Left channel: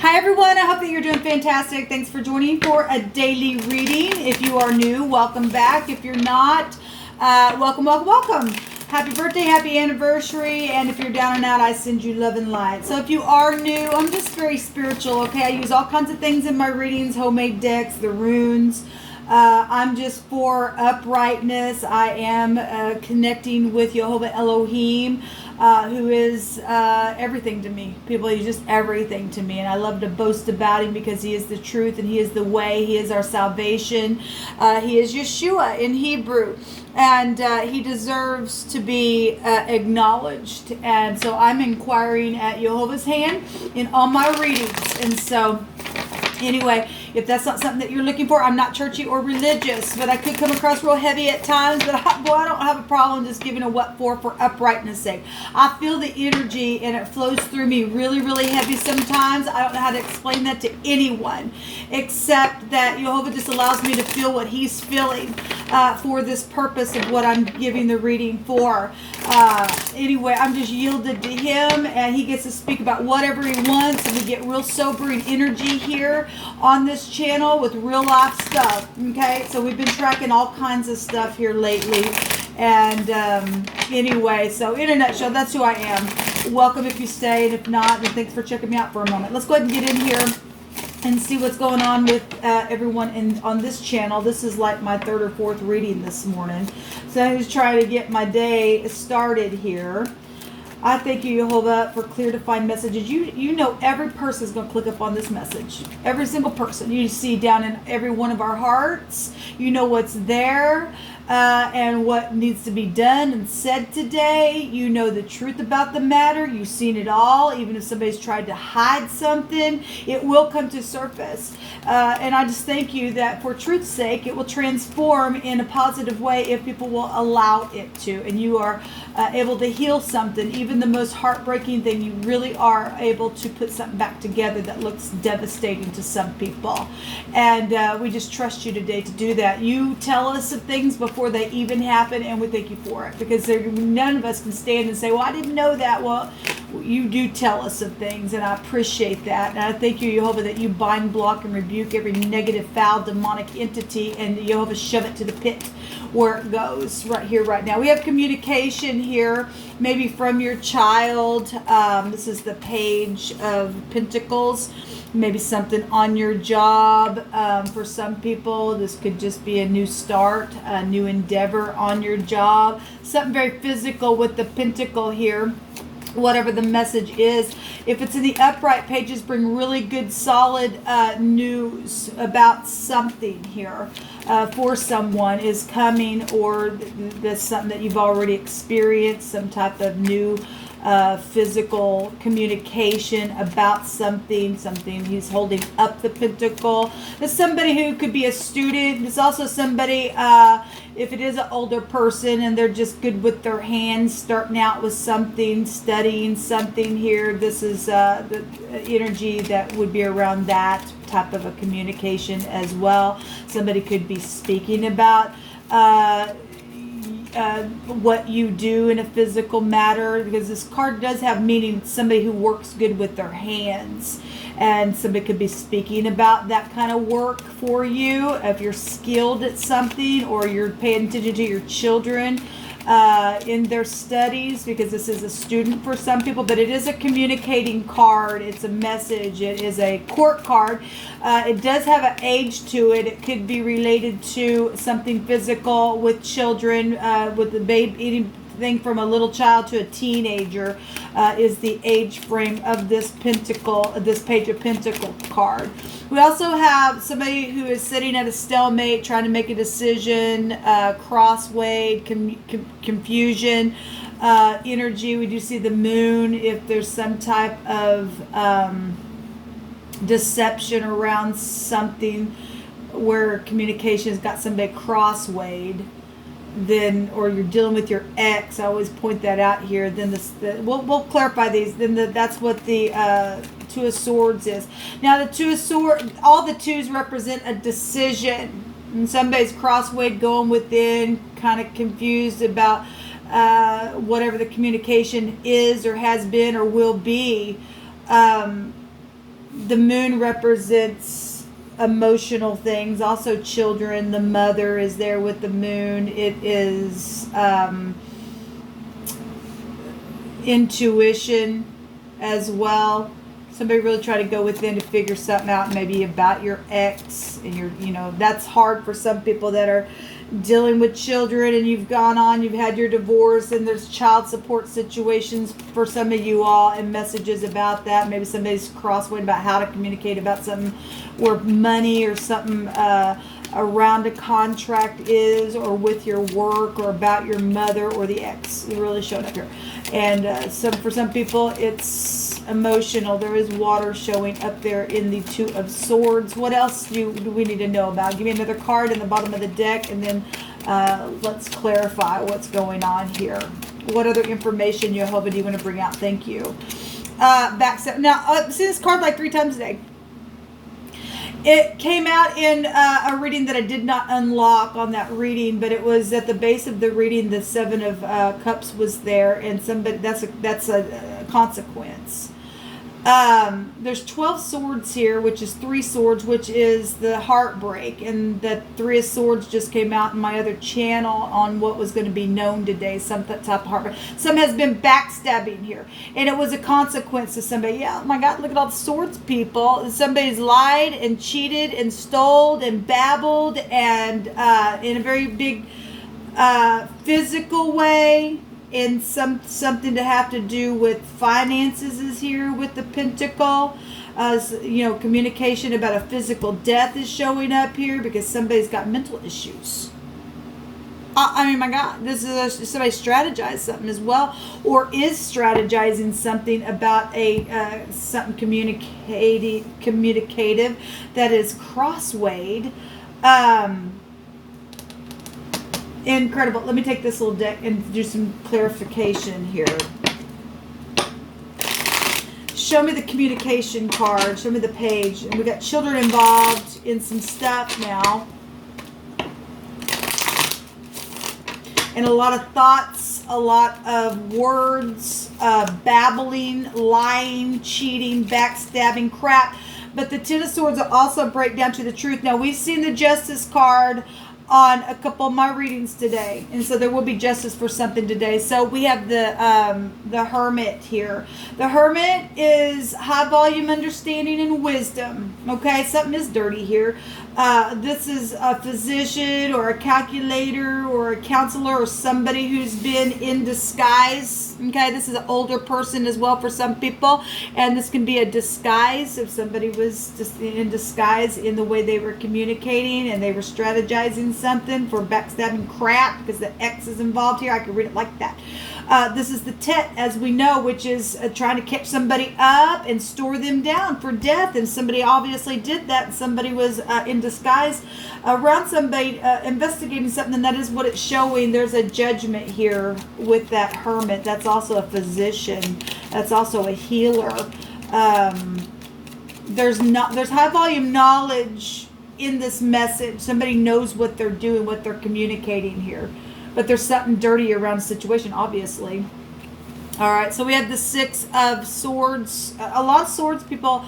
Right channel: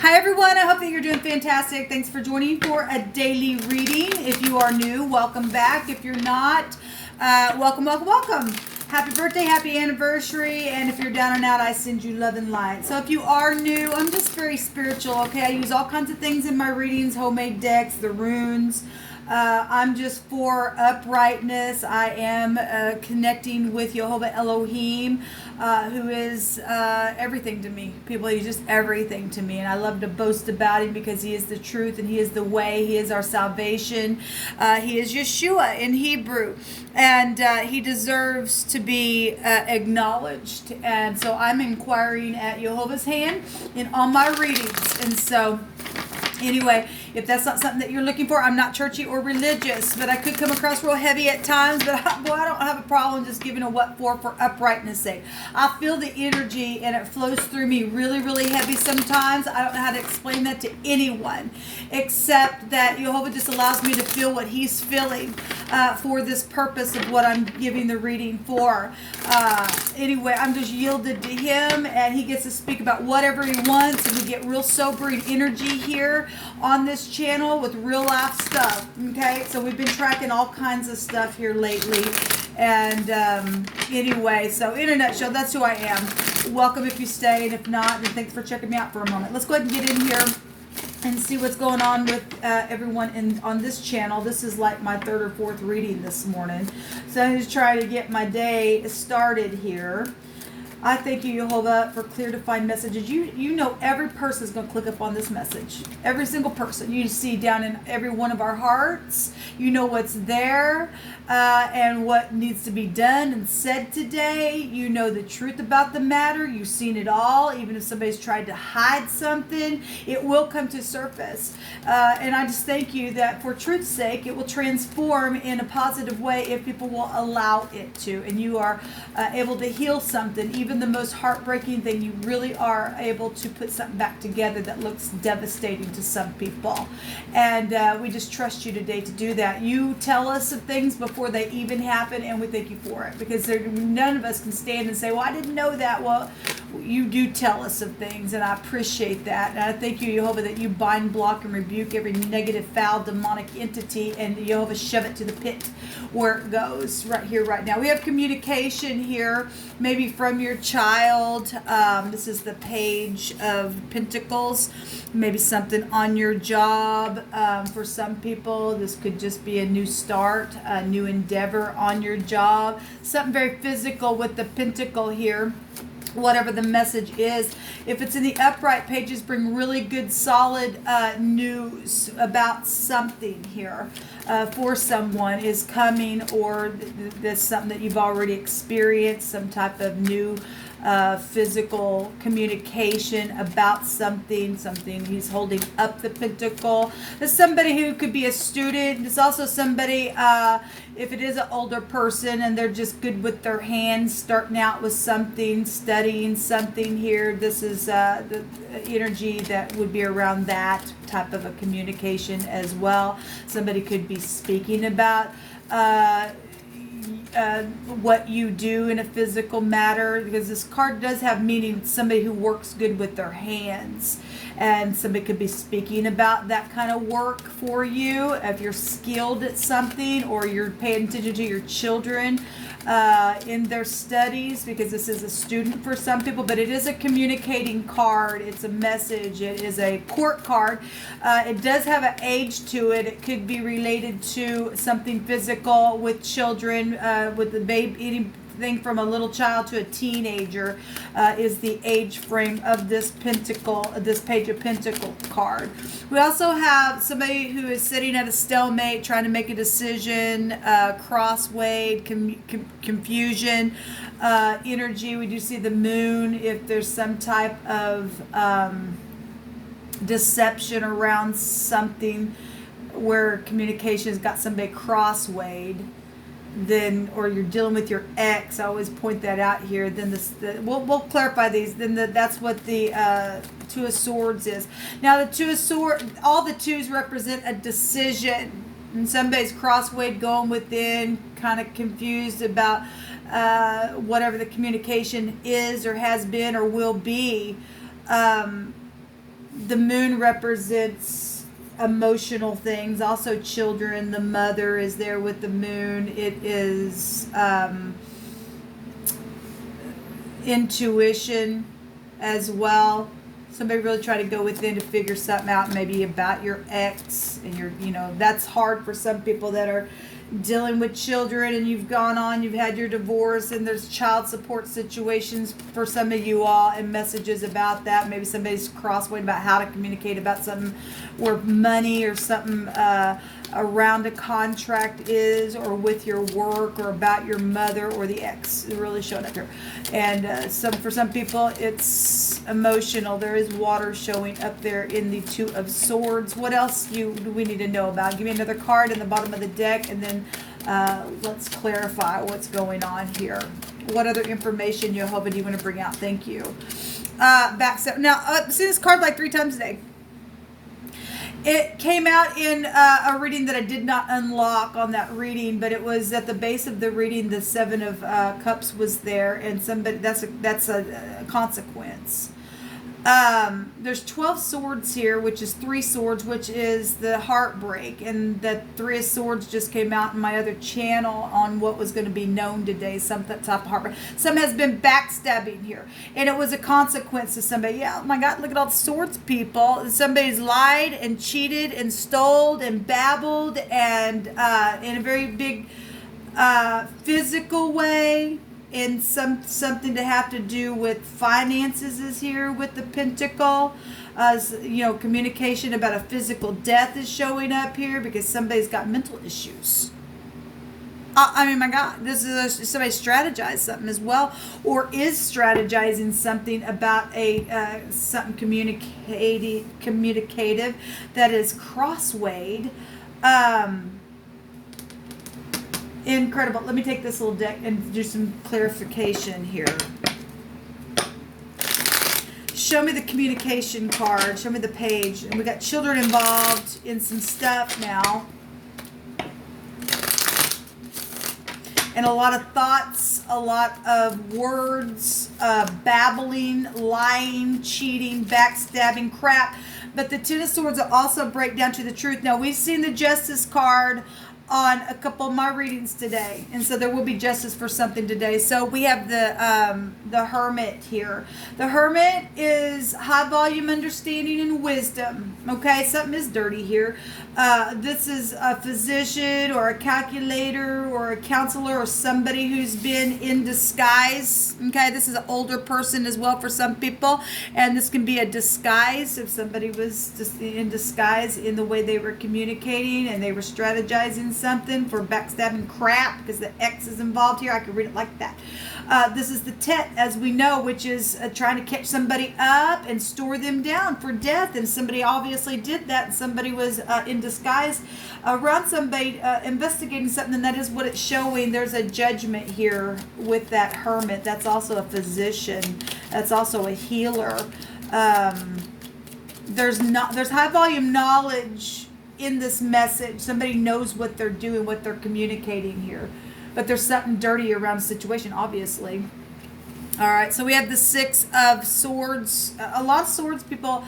Hi everyone, I hope that you're doing fantastic. Thanks for joining for a daily reading. If you are new, welcome back. If you're not, welcome. Happy birthday, happy anniversary, and if you're down and out, I send you love and light. So if you are new, I'm just very spiritual, okay? I use all kinds of things in my readings, homemade decks, the runes. I'm just for uprightness. I am connecting with Jehovah Elohim, who is everything to me. People, he's just everything to me. And I love to boast about him because he is the truth and he is the way. He is our salvation. He is Yeshua in Hebrew. And he deserves to be acknowledged. And so I'm inquiring at Jehovah's hand in all my readings. And so anyway, if that's not something that you're looking for, I'm not churchy or religious, but I could come across real heavy at times, but I don't have a problem just giving a what for uprightness sake. I feel the energy and it flows through me really, really heavy sometimes. I don't know how to explain that to anyone, except that Jehovah just allows me to feel what he's feeling for this purpose of what I'm giving the reading for. Anyway, I'm just yielded to him, and he gets to speak about whatever he wants, and we get real sobering energy here on this channel with real life stuff. Okay, so we've been tracking all kinds of stuff here lately, and anyway, so in a nutshell, that's who I am. Welcome if you stay, and if not, then thanks for checking me out for a moment. Let's go ahead and get in here and see what's going on with everyone on this channel. This is like my third or fourth reading this morning, so I'm just trying to get my day started here. I thank you, Jehovah, for clear defined messages. You know every person is going to click up on this message. Every single person. You see down in every one of our hearts. You know what's there and what needs to be done and said today. You know the truth about the matter. You've seen it all. Even if somebody's tried to hide something, it will come to surface. And I just thank you that for truth's sake, it will transform in a positive way if people will allow it to. And you are able to heal something, even the most heartbreaking thing. You really are able to put something back together that looks devastating to some people. And we just trust you today to do that. You tell us of things before they even happen, and we thank you for it, because none of us can stand and say, well, I didn't know that. Well, you do tell us of things, and I appreciate that. And I thank you, Jehovah, that you bind, block, and rebuke every negative, foul, demonic entity, and Jehovah, shove it to the pit where it goes right here, right now. We have communication here, maybe from your child. This is the Page of Pentacles. Maybe something on your job. For some people, this could just be a new start, a new endeavor on your job. Something very physical with the pentacle here. Whatever the message is. If it's in the upright pages, bring really good solid news about something here for someone is coming, or there's something that you've already experienced, some type of new physical communication about something he's holding up the pentacle. There's somebody who could be a student. There's also somebody, if it is an older person and they're just good with their hands, starting out with something, studying something here. This is the energy that would be around that type of a communication as well. Somebody could be speaking about what you do in a physical matter, because this card does have meaning. Somebody who works good with their hands, and somebody could be speaking about that kind of work for you if you're skilled at something, or you're paying attention to your children in their studies, because this is a student for some people. But it is a communicating card. It's a message. It is a court card. It does have an age to it. It could be related to something physical with children, with the baby, anything from a little child to a teenager is the age frame of this pentacle, this Page of Pentacle card. We also have somebody who is sitting at a stalemate, trying to make a decision, crossway, confusion, energy. We do see the moon. If there's some type of deception around something where communication has got somebody crosswayed, then, or you're dealing with your ex, I always point that out here, then we'll clarify these. Then that's what the Two of Swords is. Now the Two of Swords, all the twos represent a decision, and somebody's crosswayed, going within, kind of confused about whatever the communication is or has been or will be. The moon represents emotional things, also children. The mother is there with the moon. It is intuition as well. Somebody really try to go within to figure something out, maybe about your ex, and that's hard for some people that are dealing with children, and you've had your divorce, and there's child support situations for some of you all, and messages about that. Maybe somebody's crosswayed about how to communicate about something where money or something around a contract is, or with your work, or about your mother or the ex. It really showed up here. And for some people, it's emotional. There is water showing up there in the Two of Swords. What else do we need to know about? Give me another card in the bottom of the deck, and then let's clarify what's going on here. What other information, Jehovah, do you want to bring out? Thank you. Back now, I've seen this card like 3 times today. It came out in a reading that I did not unlock on that reading, but it was at the base of the reading. The Seven of Cups was there, and that's a consequence. There's 12 swords here, which is 3 swords, which is the heartbreak, and the 3 of swords just came out in my other channel on what was going to be known today, some type of heartbreak. Some has been backstabbing here, and it was a consequence of somebody. Yeah, oh my God, look at all the swords, people. Somebody's lied and cheated and stole and babbled, and in a very big physical way. And something to have to do with finances is here with the Pentacle. Communication about a physical death is showing up here because somebody's got mental issues. I mean, my God, this is somebody strategized something as well, or is strategizing something about something communicative that is crosswayed. Incredible. Let me take this little deck and do some clarification here. Show me the communication card. Show me the page. And we got children involved in some stuff now. And a lot of thoughts, a lot of words, babbling, lying, cheating, backstabbing, crap. But the Ten of Swords will also break down to the truth. Now, we've seen the Justice card on a couple of my readings today, and so there will be justice for something today. So we have the Hermit here. The Hermit is high volume understanding and wisdom. Okay, something is dirty here. This is a physician or a calculator or a counselor or somebody who's been in disguise. Okay, this is an older person as well for some people, and this can be a disguise if somebody was just in disguise in the way they were communicating and they were strategizing something for backstabbing crap because the X is involved here. I could read it like that. This is the Tet, as we know, which is trying to catch somebody up and store them down for death, and somebody obviously did that, and somebody was in disguise around somebody investigating something, and that is what it's showing. There's a judgment here with that Hermit. That's also a physician. That's also a healer. There's high volume knowledge in this message. Somebody knows what they're doing, what they're communicating here. But there's something dirty around the situation, obviously. All right, so we have the Six of Swords. A lot of swords people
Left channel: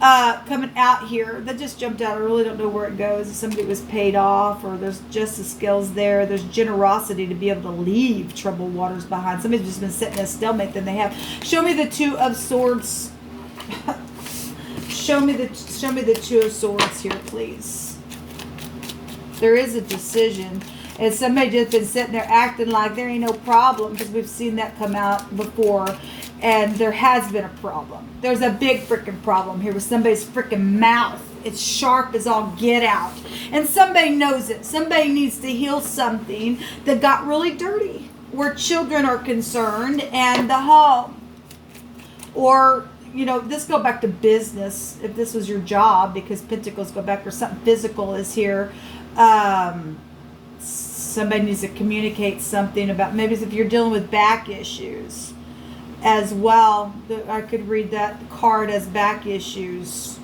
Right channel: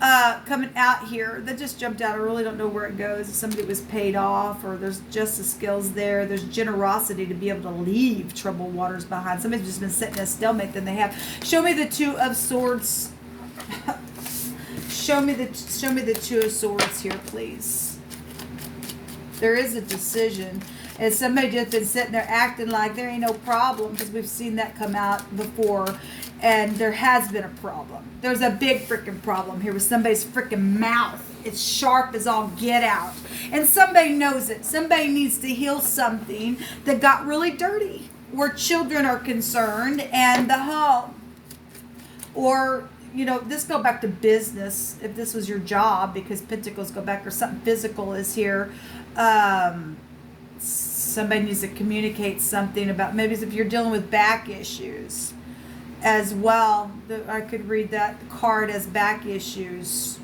coming out here. That just jumped out. I really don't know where it goes. If somebody was paid off, or there's justice skills there. There's generosity to be able to leave troubled waters behind. Somebody's just been sitting in a stalemate than they have. Show me the Two of Swords. Show me the Two of Swords here, please. There is a decision. And somebody just been sitting there acting like there ain't no problem, because we've seen that come out before, and there has been a problem. There's a big freaking problem here with somebody's freaking mouth. It's sharp as all get out. And somebody knows it. Somebody needs to heal something that got really dirty, where children are concerned and the home. Or, this go back to business, if this was your job, because Pentacles go back, or something physical is here. Somebody needs to communicate something about, maybe if you're dealing with back issues as well. I could read that card as back issues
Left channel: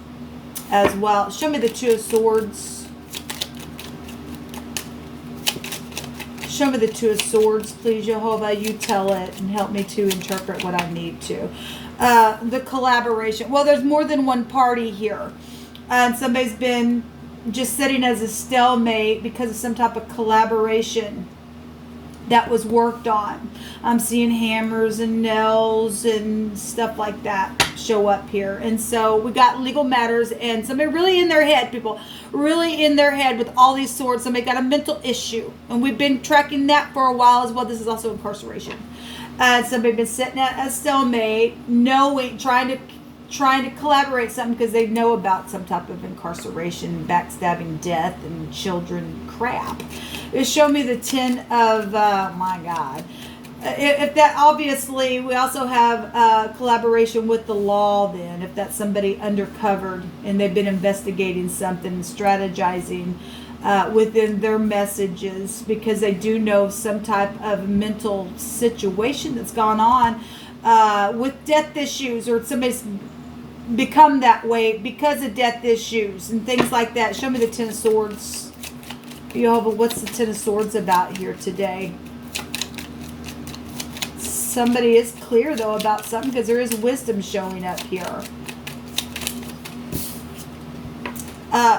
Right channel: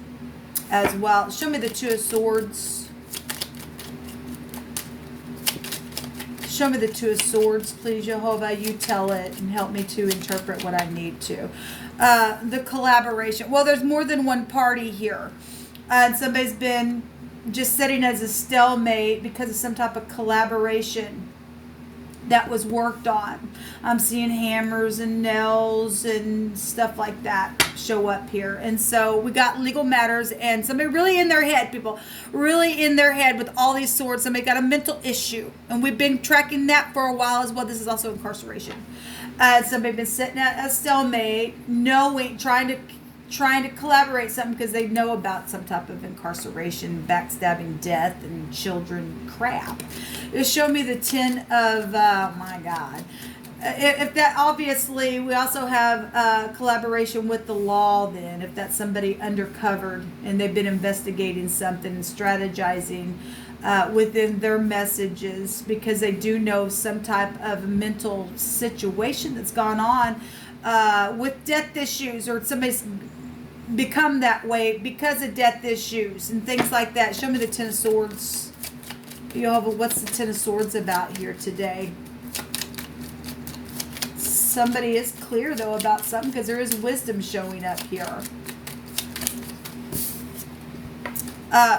as well. Show me the Two of Swords. Show me the Two of Swords, please, Jehovah. You tell it and help me to interpret what I need to. The collaboration. Well, there's more than one party here. And somebody's been just sitting as a stalemate because of some type of collaboration that was worked on. I'm seeing hammers and nails and stuff like that show up here. And so we got legal matters and somebody really in their head, people, really in their head with all these swords. Somebody got a mental issue. And we've been tracking that for a while as well. This is also incarceration. Somebody been sitting at a stalemate, knowing, trying to collaborate something because they know about some type of incarceration, backstabbing, death, and children crap. It showed me the 10 of, my God. If that, obviously, we also have collaboration with the law then, if that's somebody undercovered and they've been investigating something and strategizing within their messages because they do know some type of mental situation that's gone on with death issues, or somebody's become that way because of death issues and things like that. Show me the 10 of Swords. Jehovah, what's the 10 of Swords about here today? Somebody is clear, though, about something because there is wisdom showing up here.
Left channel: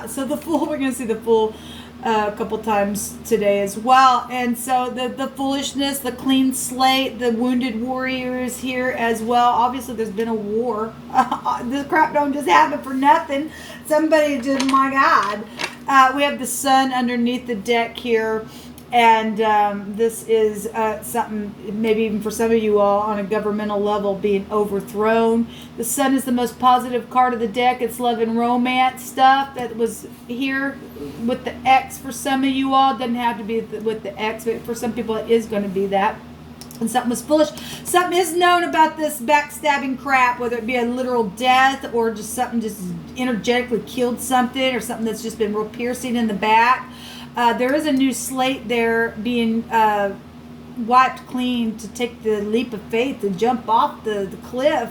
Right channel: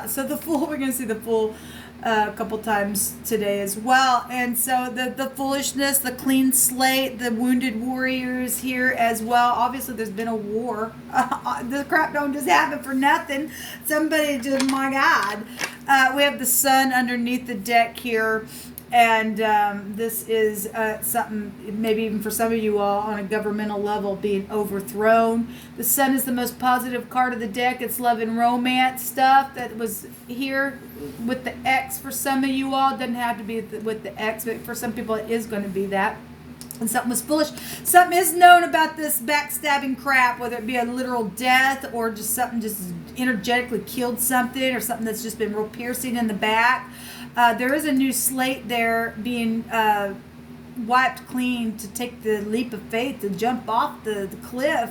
So the Fool, we're going to see the Fool a couple times today as well. And so the foolishness, the clean slate, the wounded warriors here as well. Obviously, there's been a war. This crap don't just happen for nothing. Somebody just, my God. We have the Sun underneath the deck here. And this is something, maybe even for some of you all, on a governmental level, being overthrown. The Sun is the most positive card of the deck. It's love and romance stuff that was here with the X for some of you all. It doesn't have to be with the X, but for some people it is going to be that. And something was foolish. Something is known about this backstabbing crap, whether it be a literal death or just something just energetically killed something, or something that's just been real piercing in the back. There is a new slate there being wiped clean to take the leap of faith to jump off the cliff.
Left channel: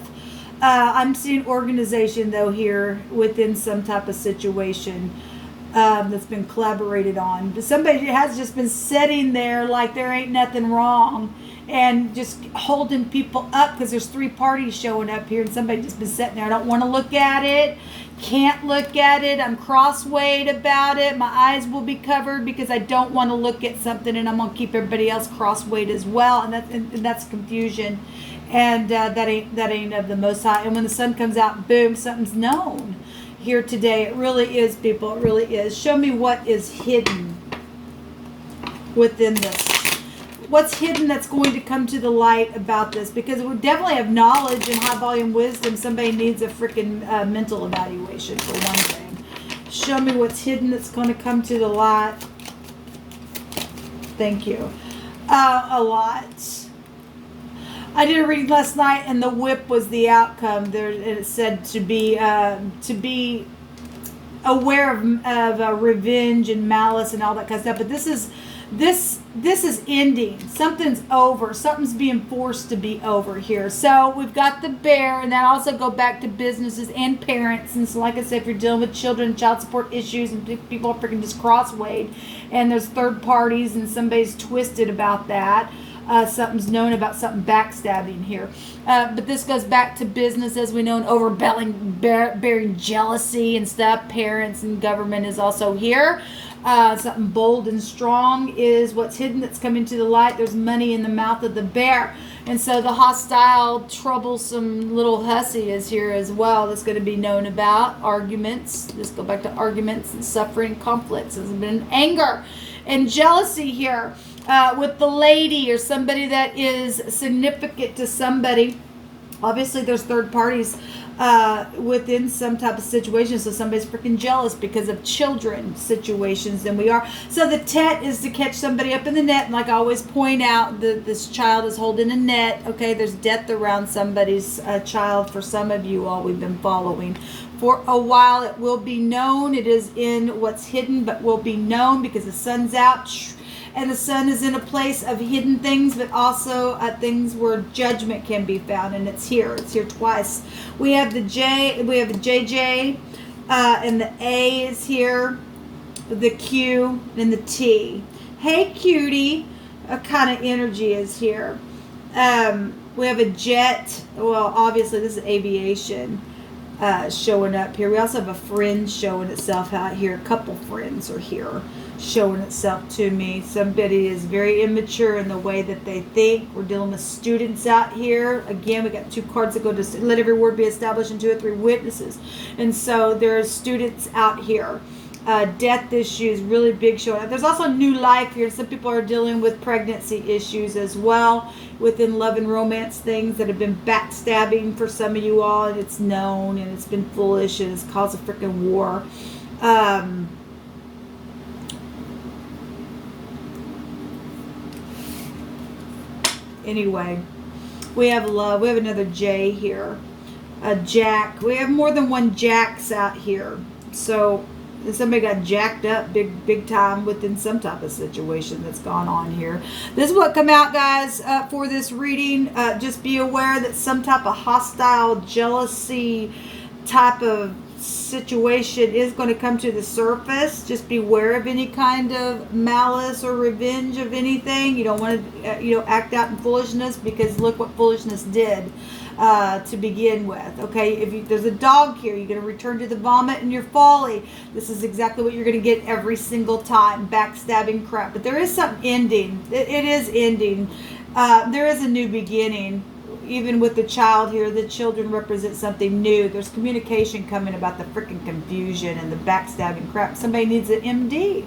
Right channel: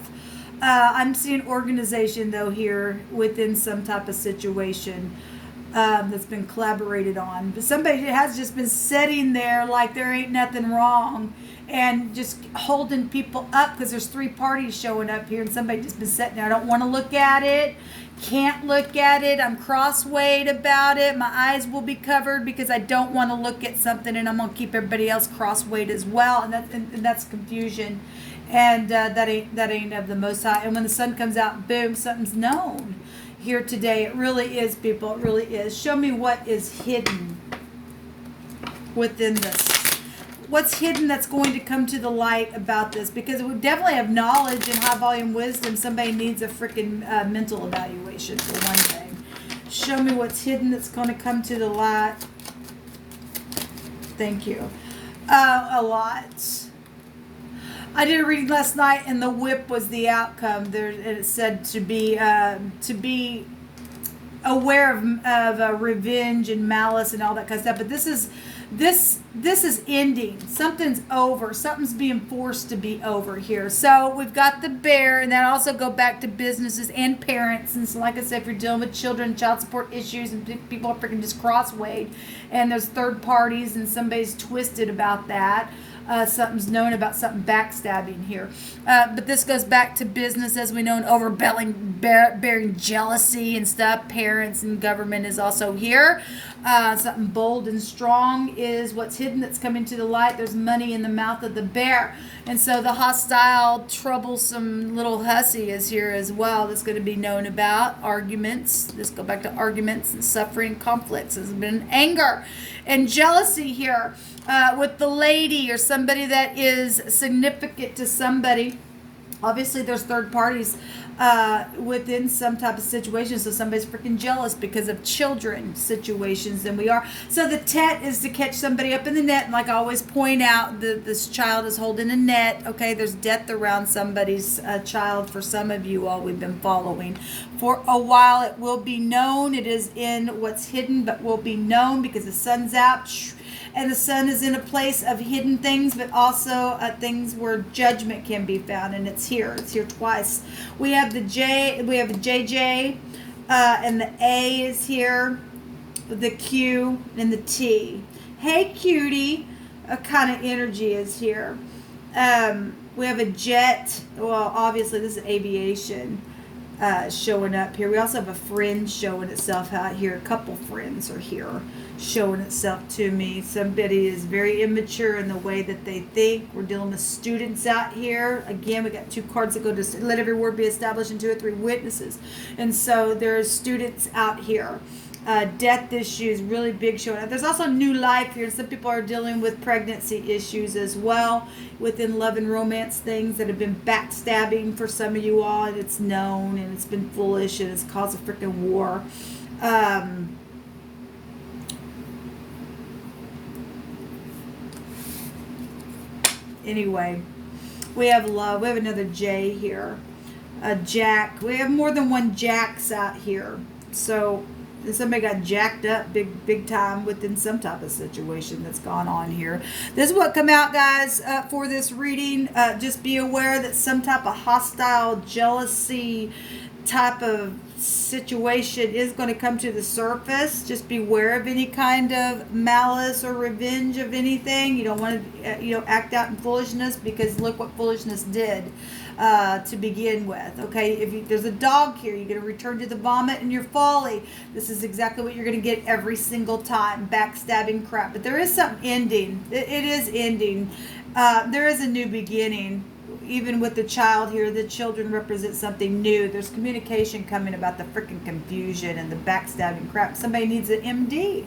I'm seeing organization, though, here within some type of situation that's been collaborated on. Somebody has just been sitting there like there ain't nothing wrong and just holding people up because there's 3 parties showing up here and somebody just been sitting there. I don't want to look at it. Can't look at it. I'm cross-weighed about it. My eyes will be covered because I don't want to look at something, and I'm going to keep everybody else cross-weighed as well, and that's confusion, and that ain't of the Most High. And when the sun comes out, boom, something's known here today. It really is, people. It really is. Show me what is hidden within this. What's hidden that's going to come to the light about this? Because we definitely have knowledge and high volume wisdom. Somebody needs a freaking mental evaluation for one thing. Show me what's hidden that's going to come to the light. Thank you. A lot. I did a reading last night, and the whip was the outcome. There, it said to be aware of revenge and malice and all that kind of stuff. But this is ending. Something's over. Something's being forced to be over here. So we've got the Bear, and that also go back to businesses and parents. And so, like I said, if you're dealing with children, child support issues, and people are freaking just cross-weighed, and there's third parties, and somebody's twisted about that. Something's known about something backstabbing here. But this goes back to business, as we know, and bearing jealousy and stuff. Parents and government is also here. Something bold and strong is what's hidden that's coming to the light. There's money in the mouth of the Bear. And so the hostile, troublesome little hussy is here as well. That's going to be known about. Arguments. Let's go back to arguments and suffering, conflicts. There's been anger and jealousy here with the lady or somebody that is significant to somebody. Obviously, there's third parties within some type of situation. So somebody's freaking jealous because of children situations than we are. So the tet is to catch somebody up in the net. And like I always point out, this child is holding a net. Okay, there's death around somebody's child. For some of you all, we've been following for a while. It will be known. It is in what's hidden, but will be known because the sun's out. And the sun is in a place of hidden things, but also things where judgment can be found. And it's here. It's here twice. We have the J. We have the JJ, and the A is here. The Q and the T. Hey, cutie. A kind of energy is here. We have a jet. Well, obviously this is aviation showing up here. We also have a friend showing itself out here. A couple friends are here showing itself to me. Somebody is very immature in the way that they think. We're dealing with students out here. Again, we got 2 cards that go to let every word be established in 2 or 3 witnesses. And so there's students out here. Death issues, really big showing up. There's also new life here. Some people are dealing with pregnancy issues as well, within love and romance things that have been backstabbing for some of you all, and it's known, and it's been foolish, and it's caused a freaking war. Anyway, we have love. We have another J here. A Jack. We have more than one Jacks out here. So somebody got jacked up big time within some type of situation that's gone on here. This is what come out, guys, for this reading. Just be aware that some type of hostile jealousy type of situation is going to come to the surface. Just beware of any kind of malice or revenge of anything. You don't want to act out in foolishness, because look what foolishness did to begin with. Okay, if there's a dog here, you're going to return to the vomit and your folly. This is exactly what you're going to get every single time. Backstabbing crap. But there is something ending. It is ending. There is a new beginning. Even with the child here, the children represent something new. There's communication coming about the freaking confusion and the backstabbing crap. Somebody needs an MD.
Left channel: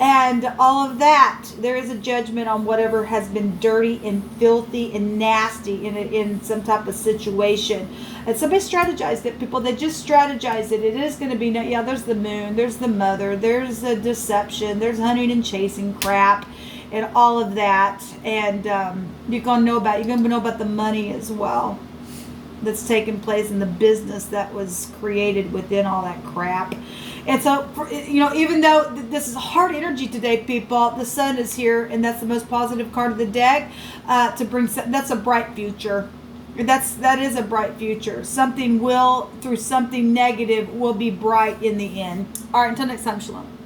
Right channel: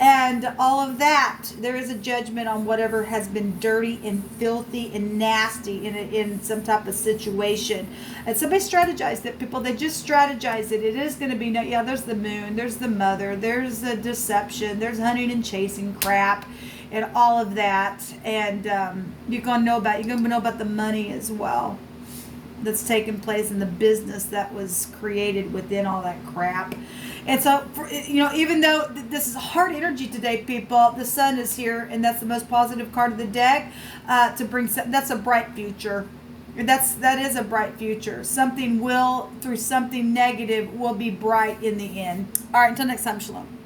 And all of that. There is a judgment on whatever has been dirty and filthy and nasty in some type of situation. And somebody strategized it. People, they just strategized it. It is going to be, yeah, there's the moon, there's the mother, there's the deception, there's hunting and chasing crap, and all of that. And you're going to know about the money as well that's taking place in the business that was created within all that crap. And so, even though this is hard energy today, people, the sun is here, and that's the most positive card of the deck to bring. That's a bright future. That is a bright future. Something will, through something negative, will be bright in the end. All right, until next time, shalom.